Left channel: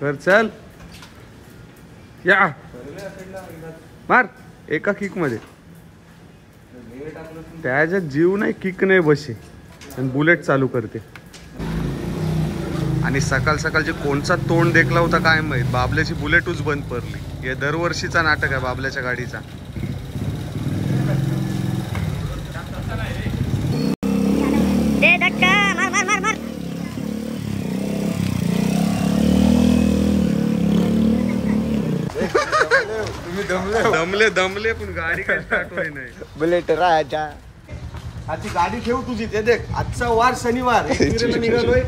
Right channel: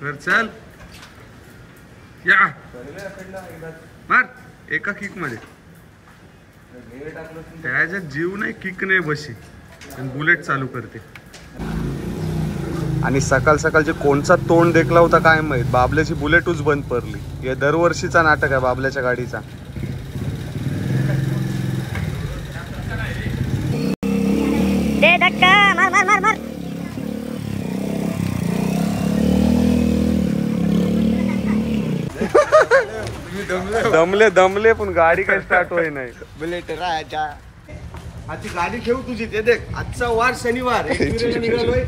कर चल या मार एका किक मध्ये त्याच्यात जीव नाही किक नाही बशी आणि बुलेट चालू करते. आणि सकाळ सकाळचे कोणचा तोंड देखला होता काय माहित, बाबल्याची बुलेटच बंद पडली. हे दरवर्षीचा नाटक आहे बाबल्याच्या गाडीचा. दे धक्का मार मार मार मार. दमले दमले पण गाडी काही स्टार्ट होई नाही. बुलेट राजा आजची गाडी ठेव तुझी. ते देख आजचा वार शनिवार निघालोय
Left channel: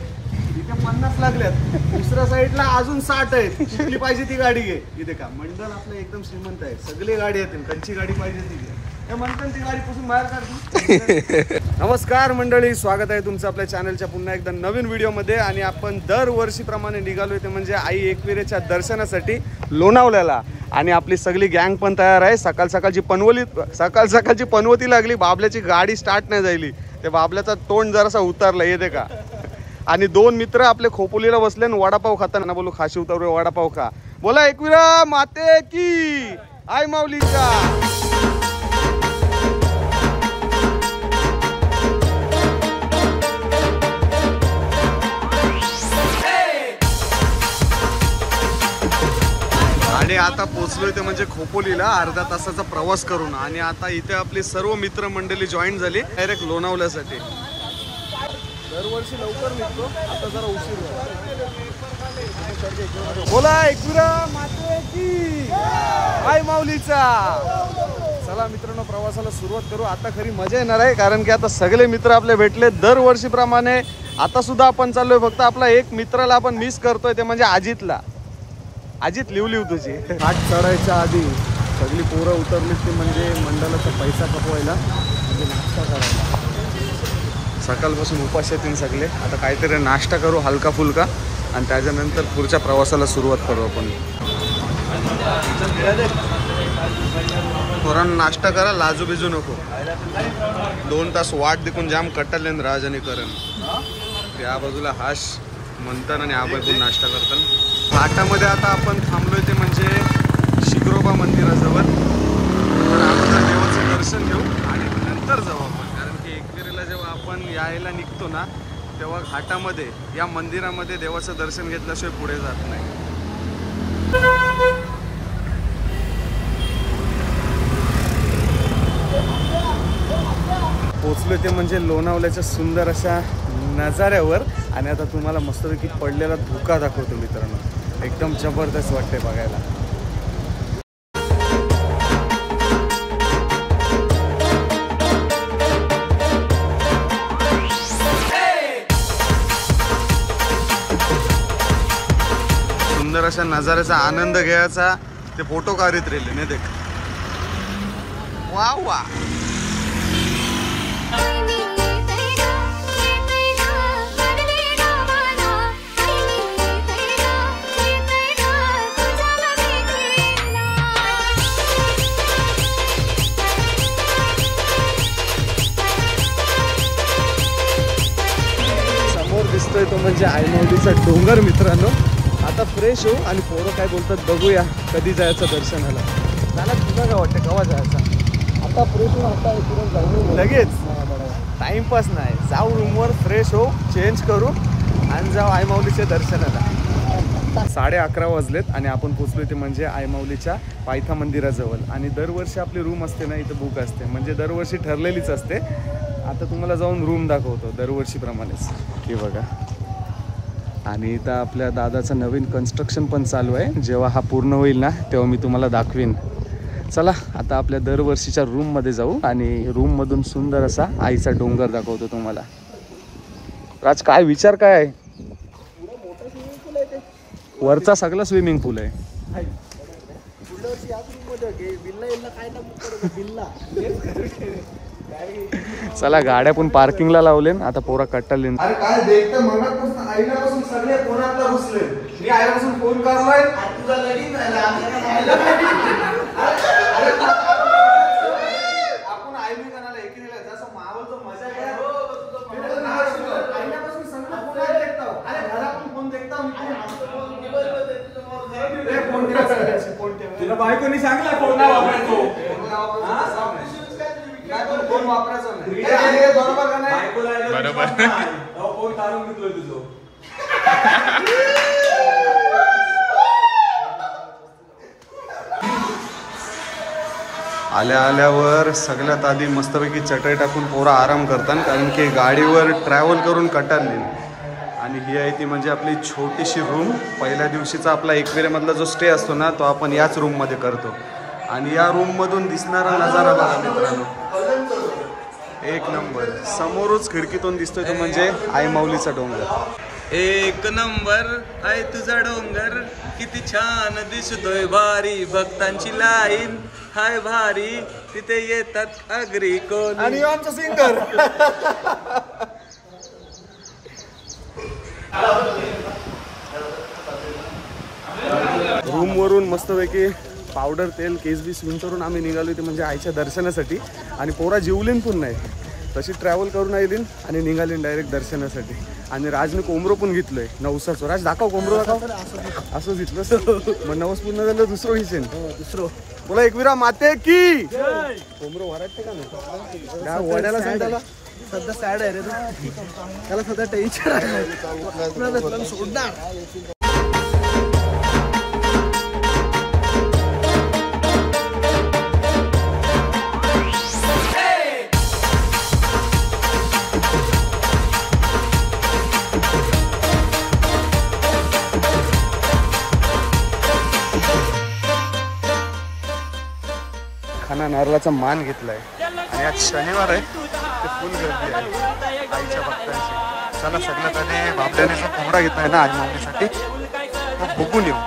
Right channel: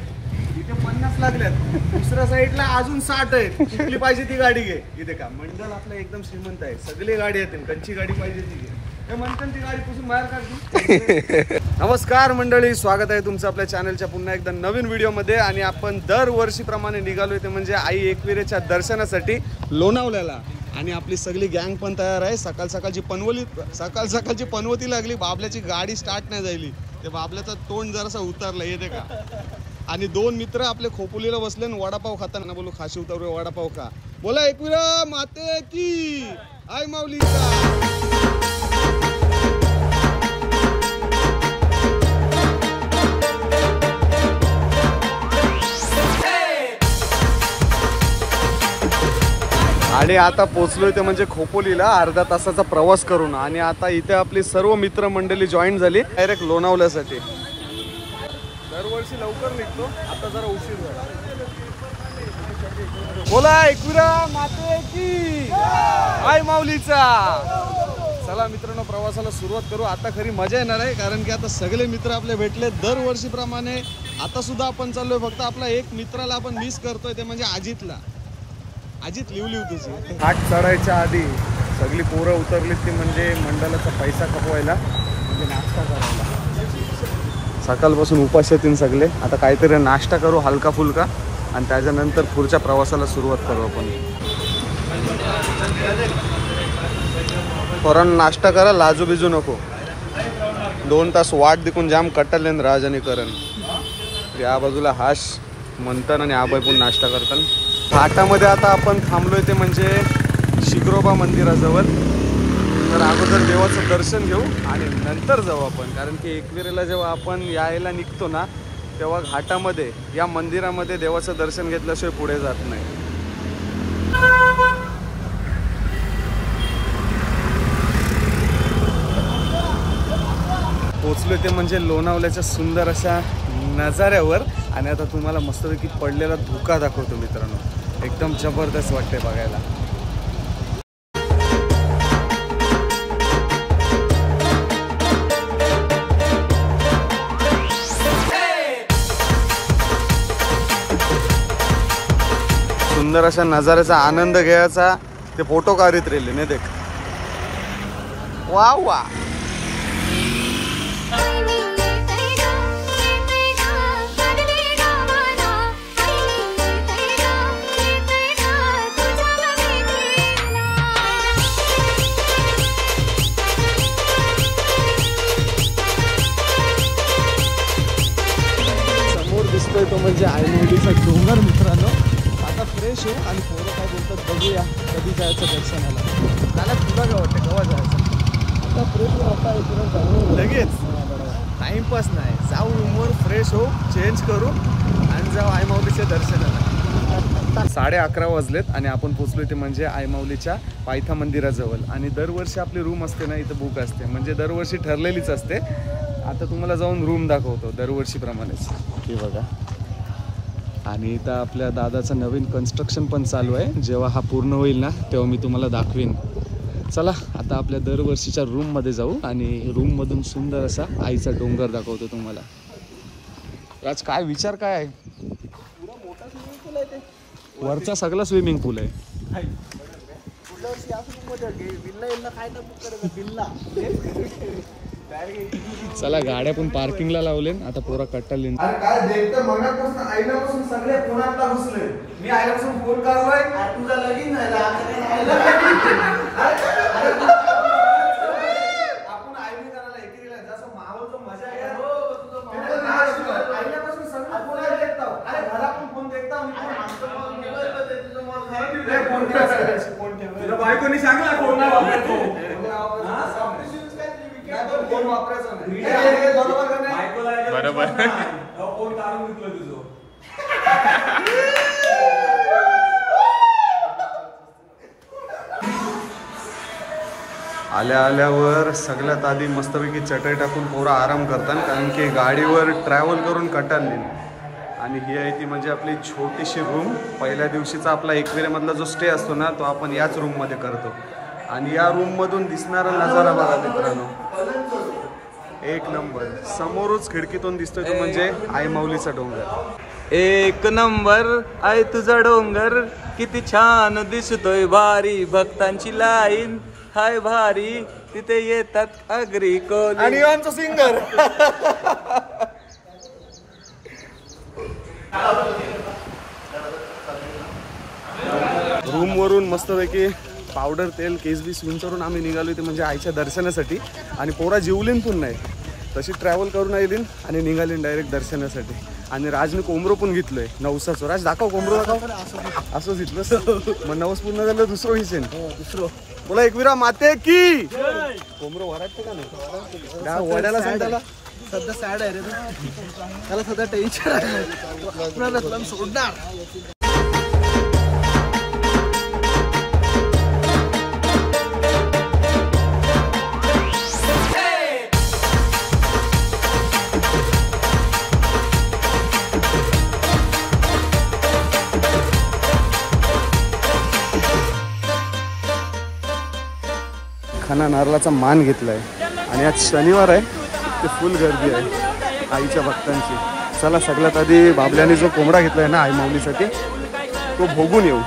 इथे 50 लागल्यात, दुसऱ्या साईडला अजून 60 आहेत. कुठली पाहिजे ती गाडी घे. इथे का मंडळ आपलं एकदम श्रीमंत आहे, सगळे गाडी येतील. कंची गाडी पाहिजे ती घे. हे म्हणतात ती गाडी पुसून बाहेर काढते. नमस्कार मंडळी, स्वागत आहे तुमचं आपल्या चॅनलच्या पुन्हा एकदा नवीन व्हिडिओमध्ये. आणि आपण दरवर्षीप्रमाणे निघालोय ते म्हणजे आई एकविरेच्या दर्शनासाठी लोणावल्याला. आणि आपली सगळी गँग पण तयार आहे. सकाळ सकाळची पनवती लागली, बाबल्याची गाडी स्टार्ट नाही झाली. ते बाबल्याचा तोंड जरासा उतारला येते का. आणि 2 मित्र आपले खोपोलीला बसले आणि वडापाव खाताना बोलू खाशी उतरवे वडापाव खा. बोला एकविरा माते की आई माऊलीचा. आणि आता पोचलोय ते म्हणजे खोपोलीला अर्धा तासाचा प्रवास करून. आणि आता इथे आपली सर्व मित्र मंडळी जॉईन झाली डायरेक्ट लोणावल्यासाठी. दरवर्षी लवकर निघतो, आता जरा उशीर झाला. बोला एकविरा माते की आई माऊलीचा. चला मित्रांनो प्रवासाला सुरुवात करू. आता खरी मजा येणार आहे कारण की आता सगळे मित्र आपले भेटले दरवर्षीप्रमाणे. आता सुद्धा आपण चाललोय, फक्त आपला एक मित्राला आपण मिस करतोय ते म्हणजे अजितला. अजित लिव तुझी. घाट चढायच्या आधी सगळी पोरं उतरली ती म्हणजे मंडळाचा पैसा खपवायला, म्हणजे नाश्ता करायला. सकाळपासून उपास येतील सगळे. आता काहीतरी नाश्ता करू हलका फुलका आणि त्याच्यानंतर पुढच्या प्रवासाला सुरुवात करू आपण. पोरांनो नाश्ता करा, लाजू बिजू नको. 2 तास वाट देखून जाम कट्टले राज आणि करण. या बाजूला हाश म्हणतात आणि आबाई पण नाश्ता करतात. घाटामध्ये आता आपण थांबलोय ते म्हणजे शिग्रोबा मंदिराजवळ. तर अगोदर देवाचं दर्शन घेऊ आणि नंतर जाऊ आपण. कारण की एकविरेला जेव्हा आपण यायला निघतो ना तेव्हा घाटामध्ये या मंदिरामध्ये देवाचं दर्शन घेतल्याशिवाय पुढे जात नाही. पोचलोय ते म्हणजे लोणावल्याच्या सुंदर अशा नजाऱ्यावर. आणि आता तुम्हाला मस्तपैकी पडलेला धुका दाखवतो मित्रांनो. एकदम जबरदस्त वाटते बघायला. सुंदर अशा नजाऱ्याचा आनंद घ्यायचा. ते फोटो काढत राहिले नाही देख. वा वा. दिसतोय तो म्हणजे आईमाऊलीचा डोंगर मित्रांनो. आता फ्रेश होऊ आणि पोरं काय बोलतात बघूया कधी जायचं दर्शनाला. त्याला तुला काय वाटतं केव्हा जायचं. आता फ्रेश होऊ, आता इकडे जाऊ लगेच. टाइमपास नाही, जाऊ रूमवर फ्रेश होऊ, चेंज करू आणि जाऊ आईमाऊलीच्या दर्शनाला. 11:30 वाजलेत आणि आपण पोचलोय ते म्हणजे आईमाऊलीच्या पायथा मंदिराजवळ. आणि दरवर्षी आपली रूम असते ना इथं बुक असते, म्हणजे दरवर्षी ठरलेलीच असते. आता तुम्हाला जाऊन रूम दाखवतो दरवर्षीप्रमाणेच. हे बघा. आणि इथं आपल्या दादाचं नवीन कन्स्ट्रक्शन पण चालू आहे. जेव्हा हा पूर्ण होईल ना तेव्हा मी तुम्हाला दाखवीन. चला आता आपल्या दरवर्षीच्या रूममध्ये जाऊ आणि रूममधून सुंदर असा आईचा डोंगर दाखवतो तुम्हाला. राज काय विचार काय आहे. वरचा सगळा स्विमिंग पूल आहे. चला गाड्या पण पार्किंगला लावले. आता पोरा कट्टाले. अरे काय देखतं मगापासून आईनापासून सगळे फोनातला घुसले. मी आईनापासून फोन करलाय तुझा लगीन झाला. आपण आईने करायला एकीला जसं मावळचं मजा घ्या. आईनापासून सगळे फोन देखताव. अरे घरा पण फोन देखताव. तिला बायकोनी सांगला फोन नाही वापरायचो. बरोबर. फोन काढून घेतलोय तुझं. आल्यावर सगळ्यात आधी मस्तपैकी चटई टाकून पोरं आराम करतात, कारण की गाडीवर ट्रॅव्हल करून कटाळली. आणि ही आहे ती म्हणजे आपली छोटीशी रूम. पहिल्या दिवशीचा आपला एकविरेमधला जो स्टे असतो ना, तो आपण याच रूममध्ये करतो. आणि या रूममधून दिसणारा नजारा बघा मित्रांनो, एक नंबर. समोरच खिडकीतून दिसतोय तो म्हणजे आई माऊलीचा डोंगर. एक नंबर आहे तुझा डोंगर, किती छान दिसतोय भारी, भक्तांची लाईन हाय भारी, तिथे येतात अग्री कोणी. आणि आमचा सिंगर रूमवरून मस्तपैकी पावडर तेल केस बीस विंचरून आम्ही निघालो ते म्हणजे आईच्या दर्शनासाठी. आणि पोरा जीवलीन पण नाही, तशी ट्रॅव्हल करून आईलीन आणि निघालीन डायरेक्ट दर्शनासाठी. आणि राजने कोंबरो पण घेतलोय नवसाचो. राज दाखव कोंबरो दाखव. असंच घेतलं मग नवस पूर्ण झालं दुसरं विषय दुसरं बोला. एकविरा माते की कोंबरो वराटते का नाही वड्याला सांगायला सध्या सॅड आहे रे, त्याला सध्या टेन्शन आहे सोडणार. खाना नारळाचा मान घेतलाय आणि आज शनिवार आहे, ते फुल गर्दी आहे आईच्या भक्तांची. चला सगळ्यात आधी बाबल्याने जो कोंबडा घेतलाय ना आई माऊलीसाठी, तो भोगून येऊ.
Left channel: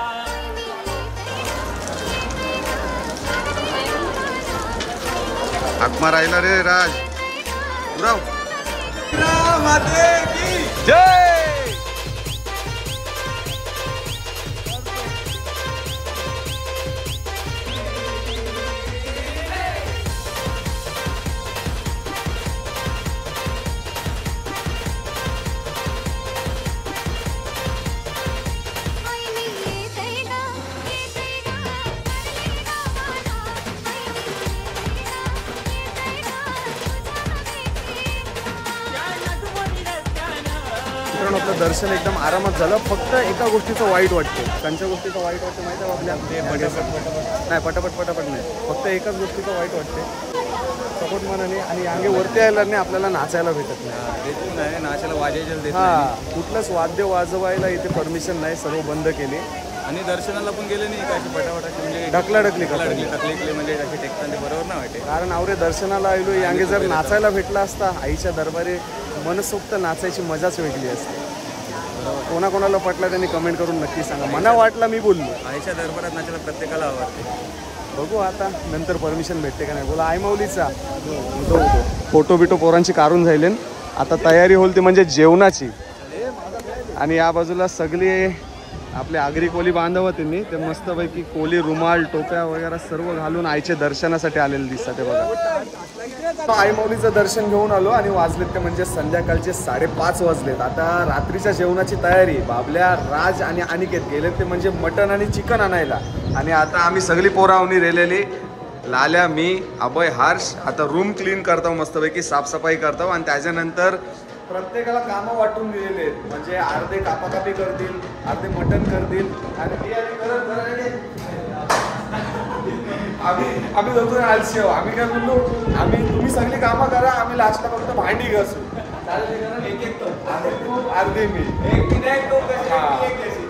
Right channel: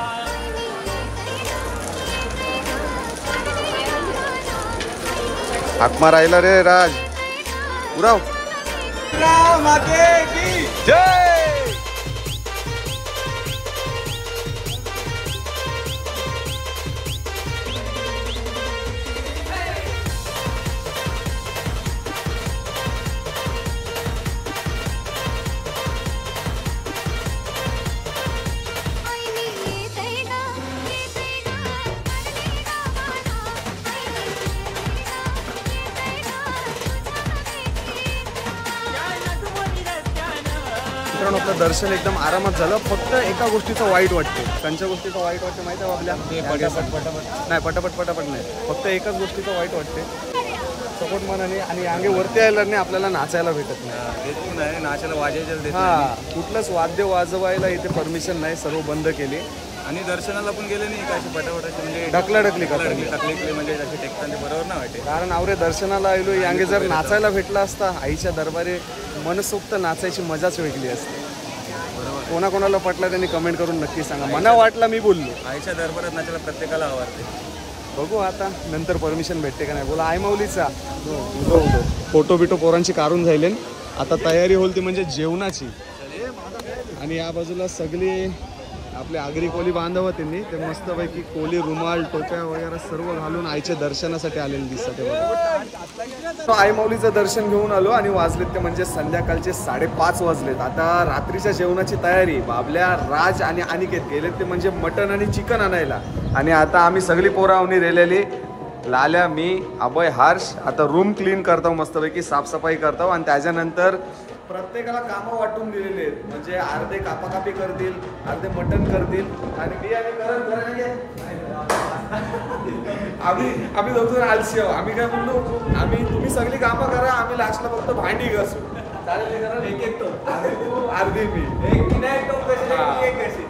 हाक मार राहिला रे राज. उराव जय. आपलं दर्शन एकदम आरामात झालं. फक्त एका गोष्टीचं वाईट वाटते. त्यांच्या गोष्टीचं वाईट वाटते माहिती आहे आपल्या नाही, पटापट नाही, फक्त एकाच गोष्टीचं वाईट वाटते सपोर्ट मनाने. आणि अंगे वरती यायला नाही आपल्याला नाचायला भेटत नाही, नाचायला वाजायचं. हा, कुठलंच वाद्य वाजवायला इथे परमिशन नाही, सर्व बंद केली. आणि दर्शनाला पण गेले नाही काय पटापटाचे म्हणजे ढकलाढकली टकले म्हणजे अशी टेकताना बरोबर नाही वाटते. कारण आवरे दर्शनाला आलो यांगे जर नाचायला भेटला असता आईच्या दरबारी मनसोक्त नाचायची मजाच वेगळी असते. कोणाकोणाला पटला त्यांनी कमेंट करून नक्की सांगा. मला वाटला मी बोललो आईच्या दरबारात नाचायला प्रत्येकाला आवडते. बघू आता नंतर परमिशन भेटते का नाही. बोला आई माऊलीचा फोटो बिटो पोरांची काढून जाईल. आता तयारी होईल ती म्हणजे जेवणाची. आणि या बाजूला सगळी आपले आगरी कोली बांधव त्यांनी ते मस्तपैकी कोली रुमाल टोप्या वगैरे सर्व घालून आईच्या दर्शनासाठी आलेले दिसतात. ते बघा आई माऊलीचं दर्शन घेऊन आलो आणि वाजलेत ते म्हणजे संध्याकाळचे 5:30 वाजलेत. आता रात्रीच्या जेवणाची तयारी. बाबल्या, राज आणि अनिकेत गेलेत ते म्हणजे मटण आणि चिकन आणायला. आणि आता आम्ही सगळी पोरावणी रेलेली, लाल्या, मी, अभय, हर्ष आता रूम क्लीन करतो, मस्तपैकी साफसफाई करतो. आणि त्याच्यानंतर प्रत्येकाला कामं वाटून दिलेले आहेत. म्हणजे अर्धे कापाकापी करतील, अर्धे मटण करतील. आणि मी आम्ही दोघं आलशी आहो. आम्ही काय बोललो, तुम्ही सगळी कामं करा, आम्ही लास्टला फक्त भांडी घासू. चालेल ना, एक अर्धे तू अर्धे मी,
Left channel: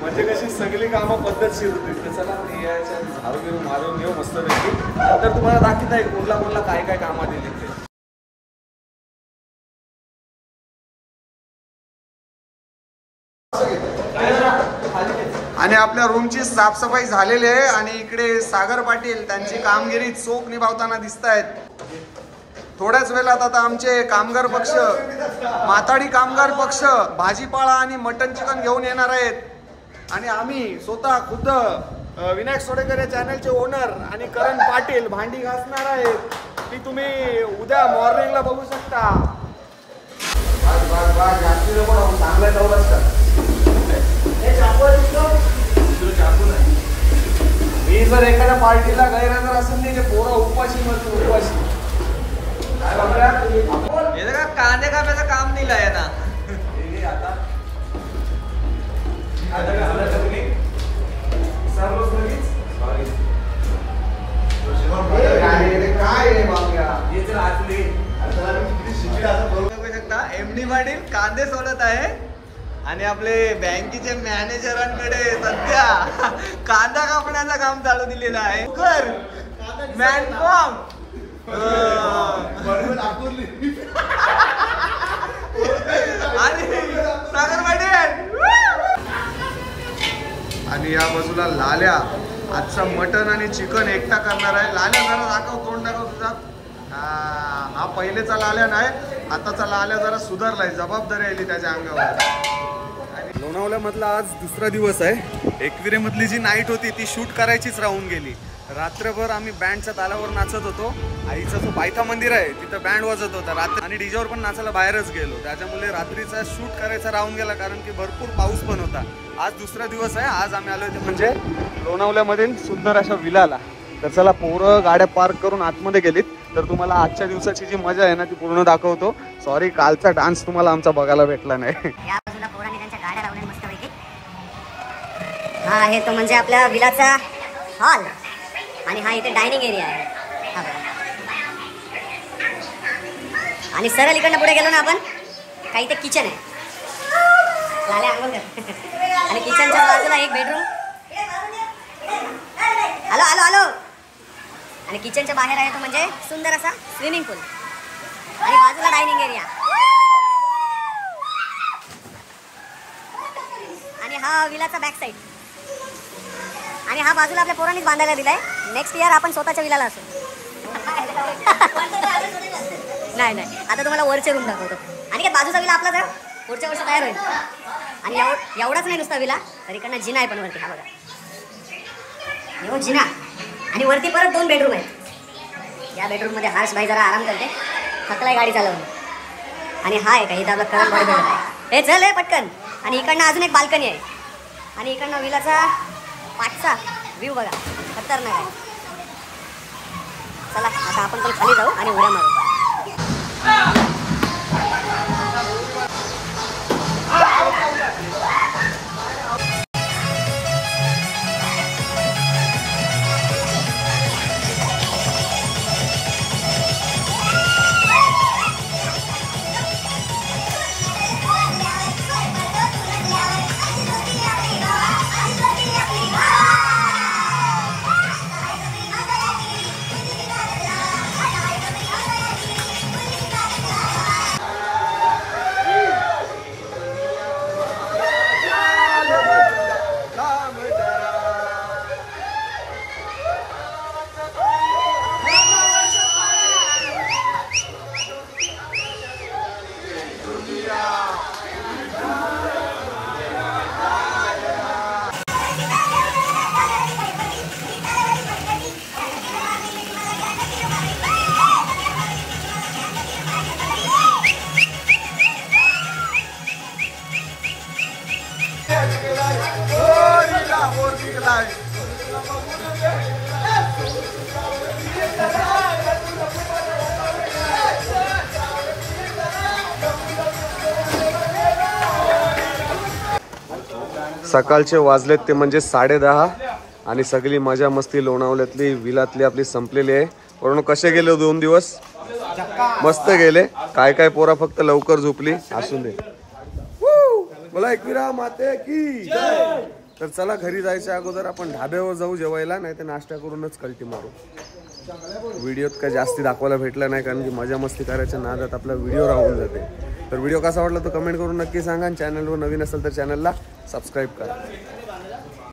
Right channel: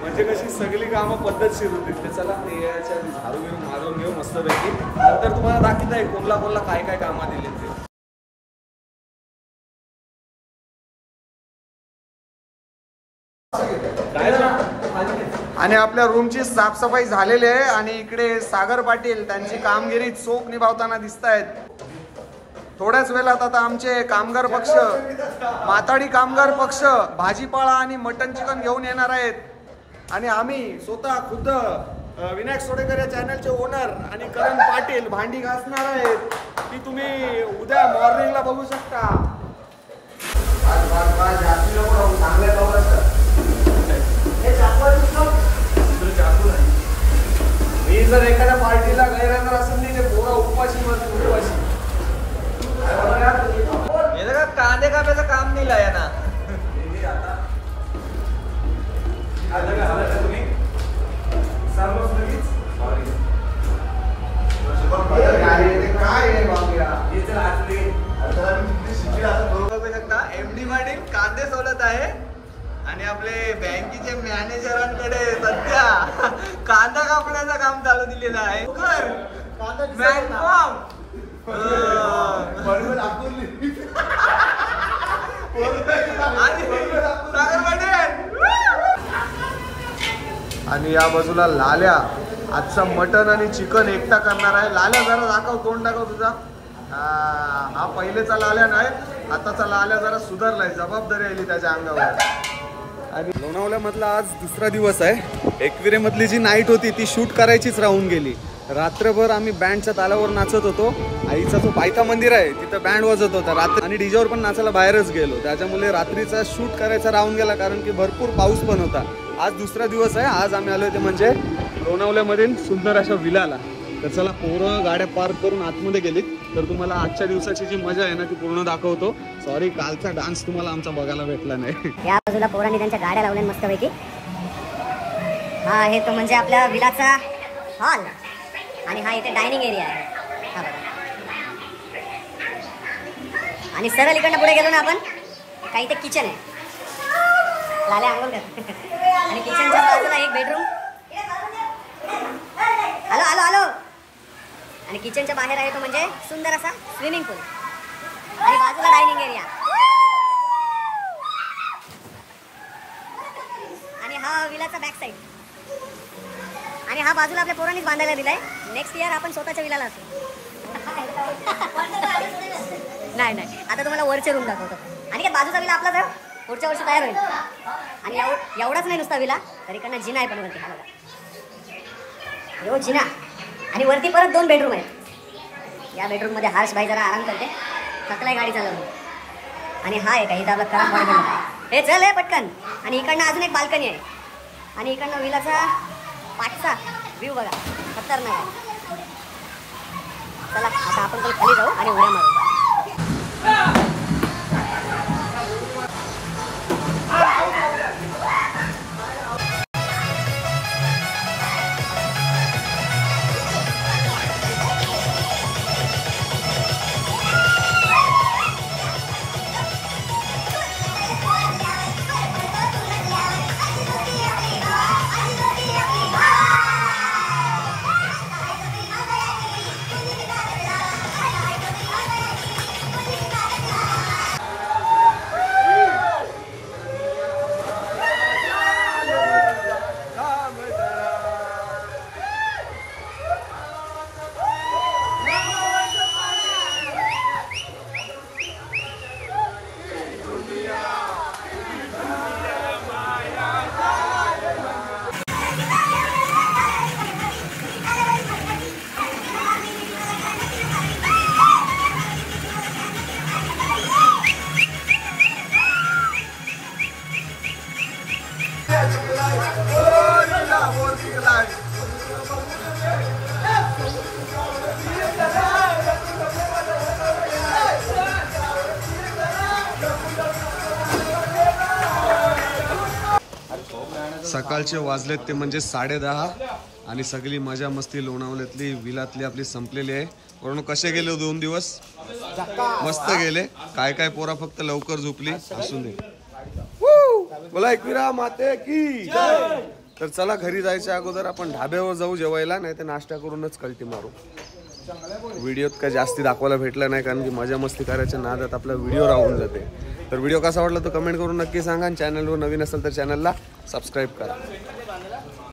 म्हणजे कशी सगळी कामं पद्धतशीर होतील. ते चला ते यायच्या आधी झाडू बिरू मारून घेऊ मस्तपैकी. नंतर तुम्हाला दाखवता येईल कोणला काय काय कामं दिली ते. आणि आपल्या रूमची साफसफाई झालेली आहे. आणि इकडे सागर पाटील त्यांची कामगिरी चोख निभावताना दिसत आहेत. थोड्याच वेळात आता आमचे कामगार पक्ष, माताडी कामगार पक्ष भाजीपाला आणि मटन चिकन घेऊन येणार आहेत. आणि आम्ही स्वतः खुद्द विनायक सोडेकर या चॅनलचे ओनर आणि करण पाटील भांडी घासणार आहेत. ती तुम्ही उद्या मॉर्निंगला बघू शकता. चांगल्या जर एखाद्या पार्टीला गैरहजर असेल नाही ते पोरं उपवाशी मरतील उपवाशी. काय बघा हे का कांदे कापायचं काम नाही लाय ना. बघू शकता एमडी पाटील कांदे सोलत आहे आणि आपले बँकेचे मॅनेजरांकडे सध्या कांदा कापण्याचं काम चालू दिलेलं आहे. आणि या बाजूला लाल्या आजचा मटन आणि चिकन एकटा करणार आहे. लाल्या जरा दाखव, तोंड दाखव तुझा. हा पहिलेचा लाल्या नाही, आताचा लाल्या जरा सुधारलाय, जबाबदारी आली त्याच्या अंगावर. आणि लोणावळ्यामधला आज दुसरा दिवस आहे. एकविरे मधली जी नाईट होती ती शूट करायचीच राहून गेली. रात्रभर आम्ही बँडच्या तालावर नाचत होतो. आईचा जो पायथा मंदिर आहे तिथं बँड वाजत होता रात्री, आणि डीजेवर पण नाचायला बाहेरच गेलो. त्याच्यामुळे रात्रीचा शूट करायचा राहून गेला, कारण की भरपूर पाऊस पण होता. आज दुसरा दिवस आहे. आज आम्ही आलोय ते म्हणजे लोणावळ्यामधील सुंदर अशा विलाला. तर चला, पोरं गाड्या पार्क करून आतमध्ये गेलीत तर तुम्हाला आजच्या दिवसाची जी मजा आहे ना ती पूर्ण दाखवतो. सॉरी, कालचा डान्स तुम्हाला आमचा बघायला भेटला नाही. या बाजूला पोरांनी त्यांच्या गाड्या लावल्या मस्तपैकी. हा आहे तो म्हणजे आपल्या विलाचा हॉल, आणि हा इथे डायनिंग एरिया आहे. हा बघा. आणि सरळ इकडनं पुढे गेलो ना आपण, काही इथे किचन आहे. लाल्या अंघोळ कर. आणि किचनच्या बाजूला एक बेडरूम. आलो आलो आलो. आणि किचनच्या बाहेर आहे तो म्हणजे सुंदर असा स्विमिंग पूल, आणि बाजूला डायनिंग एरिया. आणि हा विलाचा बॅक साईड. आणि हा बाजूला आपल्या पोरांनीच बांधायला दिलाय. नेक्स्ट इयर आपण स्वतःच्या विलाला असू. नाही नाही, आता तुम्हाला वरचे रूम दाखवतो. आणि काय बाजूचा विला आपला जर पुढच्या वर्षी तयार होईल. आणि एवढाच नाही नुसता विला, तर इकडनं जिना आहे पण वरती. हा बघा, हो जिना. आणि वरती परत 2 बेडरूम आहेत. या बेडरूम मध्ये हर्ष भाई जरा आराम करते, थकलाय गाडी चालवून. आणि हा आहे का इथं आपला करंट बॉडी बिल्डर आहे. हे चल आहे पटकन. आणि इकडनं अजून एक बाल्कनी आहे. आणि इकडनं विलाचा पाठचा व्ह्यू बघा, खतरनाक आहे. चला आता आपण पण खाली जाऊ आणि उड्या मारू. सकाळचे वाजलेत ते म्हणजे 10:30, आणि सगळी मजा मस्ती लोणावळ्यातली विलातली आपली संपलेली आहे. वरून कसे गेले 2 दिवस? मस्त गेले. काय काय पोरा फक्त लवकर झोपली. असून दे. बोला एकविरा माते की जय. तर चला, घरी जायच्या अगोदर आपण ढाब्यावर जाऊ जेवायला, नाही तर नाश्ता करूनच कल्टी मारू. व्हिडिओत काय जास्ती दाखवायला भेटला नाही, कारण की मजा मस्ती करायच्या नादात आपला व्हिडिओ राहून जाते. तर व्हिडिओ कसा वाटला तो कमेंट करून नक्की सांगा. आणि चॅनलवर नवीन असेल तर चॅनलला सबस्क्राईब करा.